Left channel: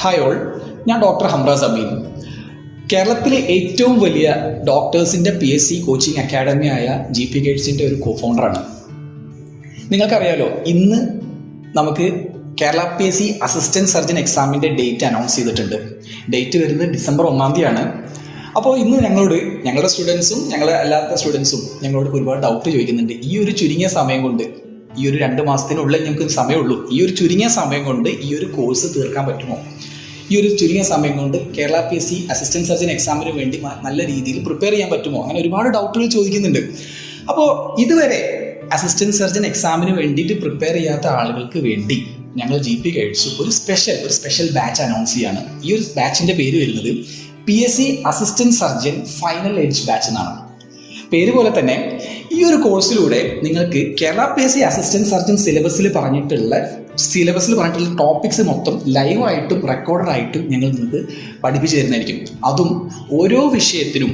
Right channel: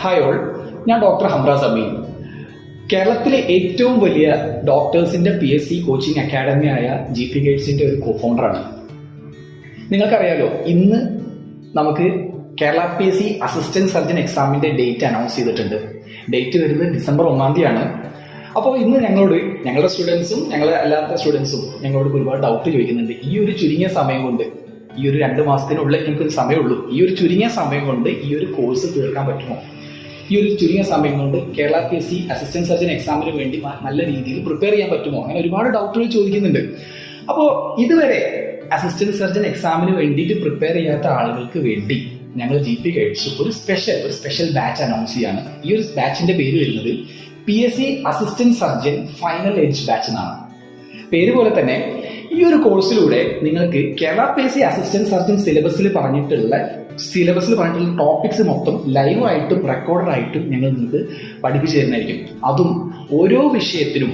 Hi all, ഞാൻ doctor Hamraz അമീൻ. കേരളത്തിലെ ഏറ്റവും വലിയ ഡോക്ടേഴ്സിൻ്റെ PSC കോച്ചിങ് അക്കാഡമിയായ GP ഗൈഡ്സിൻ്റെ ഒരു കോഫൗണ്ടറാണ്. നിങ്ങൾക്കറിയാലോ, ഇന്ന് നമുക്ക് കേരള PSC അസിസ്റ്റൻറ്റ് സർജൻ എക്സാമിൻ്റെ ഡേറ്റ് അനൗൺസ് ചെയ്തിട്ടുണ്ട്. ഡേറ്റ് വരുന്നത് ഡിസംബർ 1-ാം തീയതിയാണ്. അപ്പോൾ ഇന്ന് ഞങ്ങളുടെ സ്റ്റുഡൻസും ഞങ്ങളുടെ അല്ലാത്ത സ്റ്റുഡൻസും ഞങ്ങളോട് ഒരുപാട് ഡൗട്ട് ചോദിക്കുന്നുണ്ട്. ഈ ഒരു ചുരുങ്ങിയ സമയം കൊണ്ട്, ഈ ഒരു 2 മാസത്തിനുള്ളിൽ ഞങ്ങൾക്ക് സമയമുള്ളൂ, ഈ ഒരു ചുരുങ്ങിയ സമയം കൊണ്ട് ഈ ഒരു കോഴ്സ് തീർക്കാൻ പറ്റുമോ? ഈ ഒരു ചുരുങ്ങിയ സമയം കൊണ്ട് കേരള PSC അസിസ്റ്റൻറ്റ് സർജൻ എക്സാമിന് വേണ്ടി നല്ല രീതിയിൽ പ്രിപ്പയർ ചെയ്യാൻ പറ്റുമോ? അങ്ങനെ ഒരുപാട് ഡൗട്ടുകൾ ചോദിക്കുന്നുണ്ട്. അപ്പോൾ ഇതുവരെ അസിസ്റ്റൻറ്റ് സർജൻ എക്സാമിന് വേണ്ടിയിട്ട് പ്രിപ്പയർ ചെയ്യാത്ത ആളുകൾക്ക് വേണ്ടി ഞങ്ങൾ GP ഗൈഡ്സ് ഒരു സ്പെഷ്യൽ ബാച്ച് അനൗൺസ് ചെയ്യാണ്. ഈ ഒരു ബാച്ചിൻ്റെ പേര് വരുന്നത് PSC assistant surgeon final edge batch എന്നാണ്. പേര് പോലെ തന്നെ ഈ ഒരു കോഴ്സിലൂടെ നിങ്ങൾക്ക് കേരള PSC അസിസ്റ്റൻറ്റ് സർജൻ സിലബസിൽ പറഞ്ഞിട്ടുള്ള ടോപ്പിക്സ് മൊത്തം ലൈവായിട്ടും റെക്കോർഡറായിട്ടും ഞങ്ങൾ നിങ്ങൾക്ക് പഠിപ്പിച്ചു തരുന്നതായിരിക്കും. അതും ഓരോ വിഷയത്തിനും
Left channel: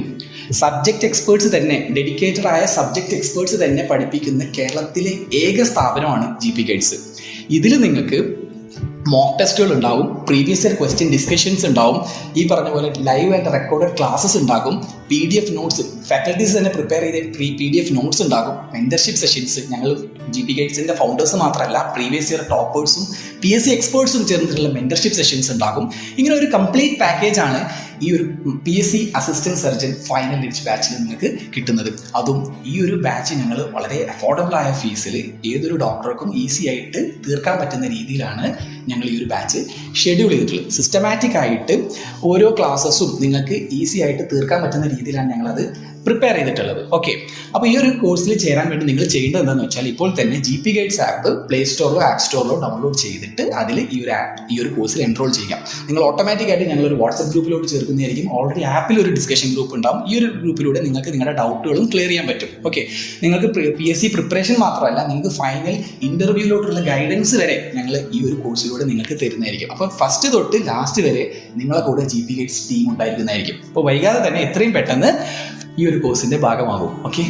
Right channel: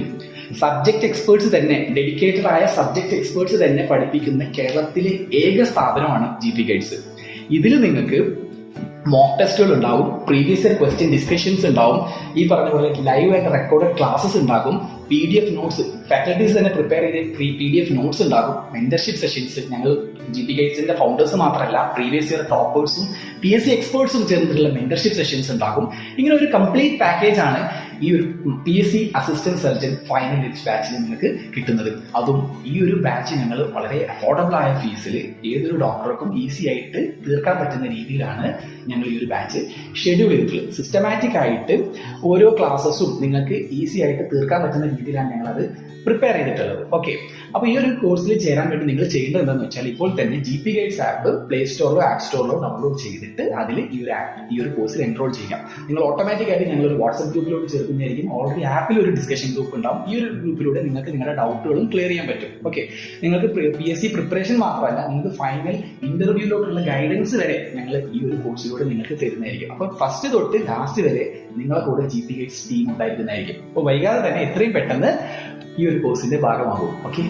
സബ്ജക്റ്റ് എക്സ്പേർട്സ് തന്നെ, ഡെഡിക്കേറ്റഡ് ആയ സബ്ജക്റ്റ് എക്സ്പേർട്സ് തന്നെ പഠിപ്പിക്കുന്ന കേരളത്തിലെ ഏക സ്ഥാപനമാണ് GP ഗൈഡ്സ്. ഇതിൽ നിങ്ങൾക്ക് മോക്ക് ടെസ്റ്റുകൾ ഉണ്ടാവും, പ്രീവിയസ് ഇയർ ക്വസ്റ്റ്യൻ ഡിസ്കഷൻസ് ഉണ്ടാവും, ഈ പറഞ്ഞ പോലെ ലൈവ് ആൻഡ് റെക്കോർഡഡ് ക്ലാസ്സസ് ഉണ്ടാകും, PDF നോട്ട്സ്, ഫാക്കൽറ്റീസ് തന്നെ പ്രിപ്പയർ ചെയ്ത PDF നോട്ട്സ് ഉണ്ടാകും, മെന്റർഷിപ്പ് സെഷൻസ്. ഞങ്ങൾ GP ഗൈഡ്സിന്റെ ഫൗണ്ടേഴ്സ് മാത്രമല്ല, പ്രീവിയസ് ഇയർ ടോപ്പേഴ്സും PSC എക്സ്പേർട്സും ചേർന്നിട്ടുള്ള മെന്റർഷിപ്പ് സെഷൻസ് ഉണ്ടാകും. ഇങ്ങനെ ഒരു കംപ്ലീറ്റ് പാക്കേജ് ആണ് ഈ ഒരു PSC assistant surgeon final edge ബാച്ചിൽ നിങ്ങൾക്ക് കിട്ടുന്നത്. അതും ഈ ഒരു ബാച്ച് ഞങ്ങൾ വളരെ അഫോർഡബിൾ ആയ ഫീസിൽ ഏതൊരു ഡോക്ടർക്കും ഈസി ആയിട്ട് തീർക്കാൻ പറ്റുന്ന രീതിയിലാണ് ഞങ്ങൾ ഈ ഒരു ബാച്ച് ഷെഡ്യൂൾ ചെയ്തിട്ടുള്ളത്. സിസ്റ്റമാറ്റിക് ആയിട്ട് ഓരോ ക്ലാസ്സസും നിങ്ങൾക്ക് ഈസി ആയിട്ട് തീർക്കാൻ പറ്റുന്ന രീതിയിലാണ് ഞങ്ങളത് പ്രിപ്പയർ ചെയ്തിട്ടുള്ളത്. ഓക്കെ, അപ്പോൾ ഈ ഒരു കോഴ്സിൽ ചേരാൻ വേണ്ടി നിങ്ങൾ ചെയ്യേണ്ടത് എന്താണെന്ന് വെച്ചാൽ, ഇപ്പോൾ തന്നെ GP ഗൈഡ്സ് ആപ്പ് പ്ലേ സ്റ്റോറിലോ ആപ്പ് സ്റ്റോറിലോ ഡൗൺലോഡ് ചെയ്തിട്ട് അതിൽ ഈ ഒരു കോഴ്സിൽ എൻറോൾ ചെയ്യാം. നിങ്ങൾ ഓട്ടോമാറ്റിക്കായിട്ട് ഞങ്ങളൊരു വാട്സപ്പ് ഗ്രൂപ്പിലോട്ട് ചേർക്കുന്നതായിരിക്കും. ഓൾറെഡി ആപ്പിൽ ഒരു ഡിസ്കഷൻ ഗ്രൂപ്പ് ഉണ്ടാവും. ഈ ഒരു ഗ്രൂപ്പിലൂടെ നിങ്ങൾക്ക് നിങ്ങളുടെ ഡൗട്ടുകളും ക്ലിയർ ചെയ്യാൻ പറ്റും. ഓക്കെ, നിങ്ങൾക്ക് PSC പ്രിപ്പറേഷൻ മാത്രമല്ല, നിങ്ങൾക്ക് ഫൈനൽ ഇന്റർവ്യൂയിലോട്ടുള്ള ഗൈഡൻസ് വരെ ഞങ്ങൾ ഈ ഒരു കോഴ്സിലൂടെ നിങ്ങൾക്ക് തരുന്നതായിരിക്കും. അപ്പോൾ ഫസ്റ്റ് തൊട്ട് ലാസ്റ്റ് വരെ നിങ്ങളെ കൂടെ GP ഗൈഡ്സ് ടീം ഉണ്ടായിരിക്കുന്നതായിരിക്കും. അപ്പോൾ വൈകാതെ തന്നെ എത്രയും പെട്ടെന്ന് ഈ ഒരു കോഴ്സിന്റെ ഭാഗമാകും. ഓക്കെ.